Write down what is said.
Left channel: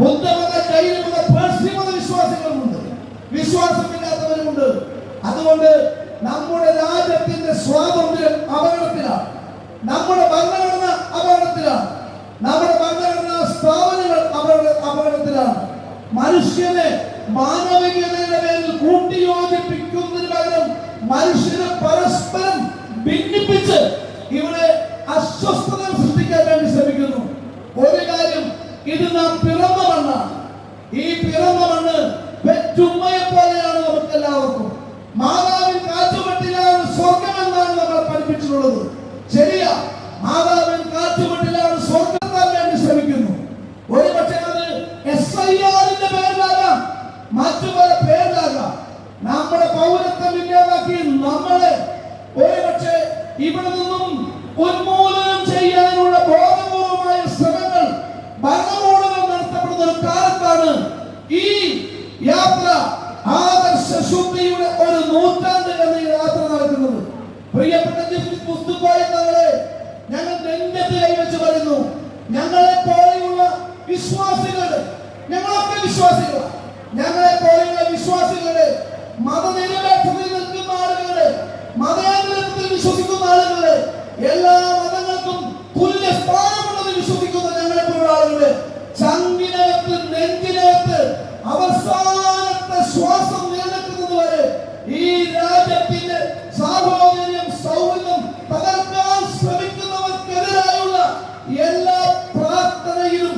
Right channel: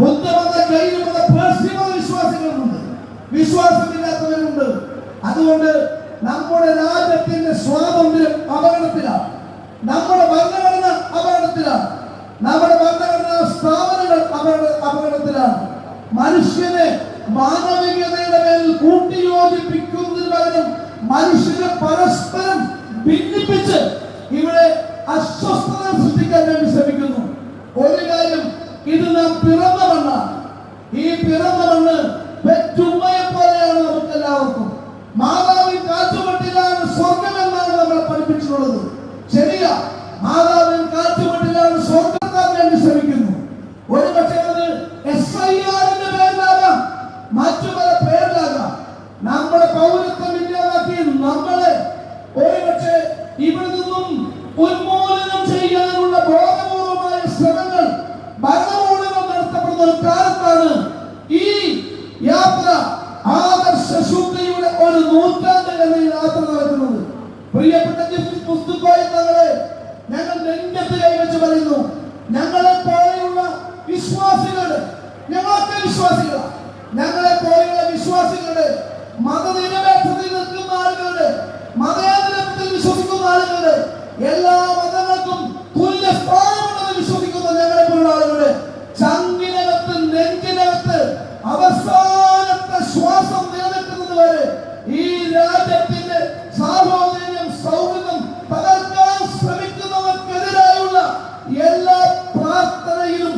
ബുദ്ധമത, ജൈനമത, പാർസിമത വിശ്വാസികളുമുണ്ട്, വിശ്വാസമില്ലാത്തവരുമുണ്ട്. അതുകൊണ്ട് നമ്മുടെ രാജ്യത്തിന്റെ സ്വാതന്ത്ര്യം അപകടത്തിലാണ്, നമ്മുടെ ഭരണഘടന അപകടത്തിലാണ്, നമ്മുടെ ഭരണഘടനാ സ്ഥാപനങ്ങൾ അപകടത്തിലാണ്. മനുഷ്യനെ മാനവികതയുടെ മേൽ കൂട്ടിയോജിപ്പിക്കുന്നതിന് പകരം മനുഷ്യരെ പരസ്പരം ഭിന്നിപ്പിച്ച് ഇവിടെ അസ്വസ്ഥത സൃഷ്ടിക്കാൻ വേണ്ടി ശ്രമിക്കുന്നു. ഒരു കാര്യം, ഇത് നാം പിറന്ന മണ്ണാണ്. ഈ പിറന്ന മണ്ണ് പെറ്റുമ്മയെ പോലെയാണ് നമുക്ക് എല്ലാവർക്കും. മാതാവിൻ കാറ്റുമട്ടിലാണ് സ്വർഗമെന്നാണ് നമ്മളെ പഠിപ്പിച്ചിട്ടുള്ളത്. ശരിയാ, മാതാവിൻ കാറ്റുമട്ടിലാണ് സ്വർഗത്താൻ വേണ്ടി ശ്രമിക്കുന്നു. ഒരു പക്ഷേ അത് SIR-ന്റെ പേരിലാകാം, മറ്റു പല പേരിലാകാം. നമ്മുടെ പൗരത്വം ഇല്ലാതാക്കി നമ്മളെ ഒരു പക്ഷേ ഇവിടെ നിന്നും ഉന്മൂലനം ചെയ്യാനുള്ള ബോധപൂർവമായ ശ്രമങ്ങൾ ഭരണകൂടങ്ങൾ നടത്തപ്പെടുന്ന ഒരു കാലത്താണ് ഈ യാത്ര ആദർശ ശുദ്ധിയുടെ ഒരു നൂറ്റാണ്ട് എന്ന യാത്ര നടക്കുന്നത്. പ്രിയപ്പെട്ട ജസ്റ്റിസ് മുസ്തുഫായി തങ്ങളെ ഞങ്ങൾ നെഞ്ചത്ത് കൈവച്ച് പറയുന്നു, ഞങ്ങളെ പോലെയുള്ള വിശ്വാസികളുടെ, ഞങ്ങളൊക്കെ വിശ്വാസികളാണ്, ഞങ്ങളെ പോലെയുള്ള വിശ്വാസികളുടെ, മതനിരപേക്ഷതയിൽ നിൽക്കുന്ന ആളുകളുടെ, മതേതരത്വത്തിൽ വിശ്വസിക്കുന്ന ആളുകളുടെ, എല്ലാ മതങ്ങൾക്കും തുല്യ സ്ഥാനമുണ്ടെന്ന് വിശ്വസിക്കുന്ന ഞങ്ങളെ പോലുള്ള ആളുകളുടെ ചങ്കിനകത്ത്, നെഞ്ചിനകത്ത് അവസാനത്തെ ശ്വാസം നിലനിൽക്കുന്നത് വരെ ഈ രാജ്യത്തിന്റെ സാഹോദര്യം, സൗഹൃദം തകർക്കാൻ ശ്രമിക്കുന്നവർക്കെതിരായുള്ള എല്ലാ പ്രാർത്ഥനയിലും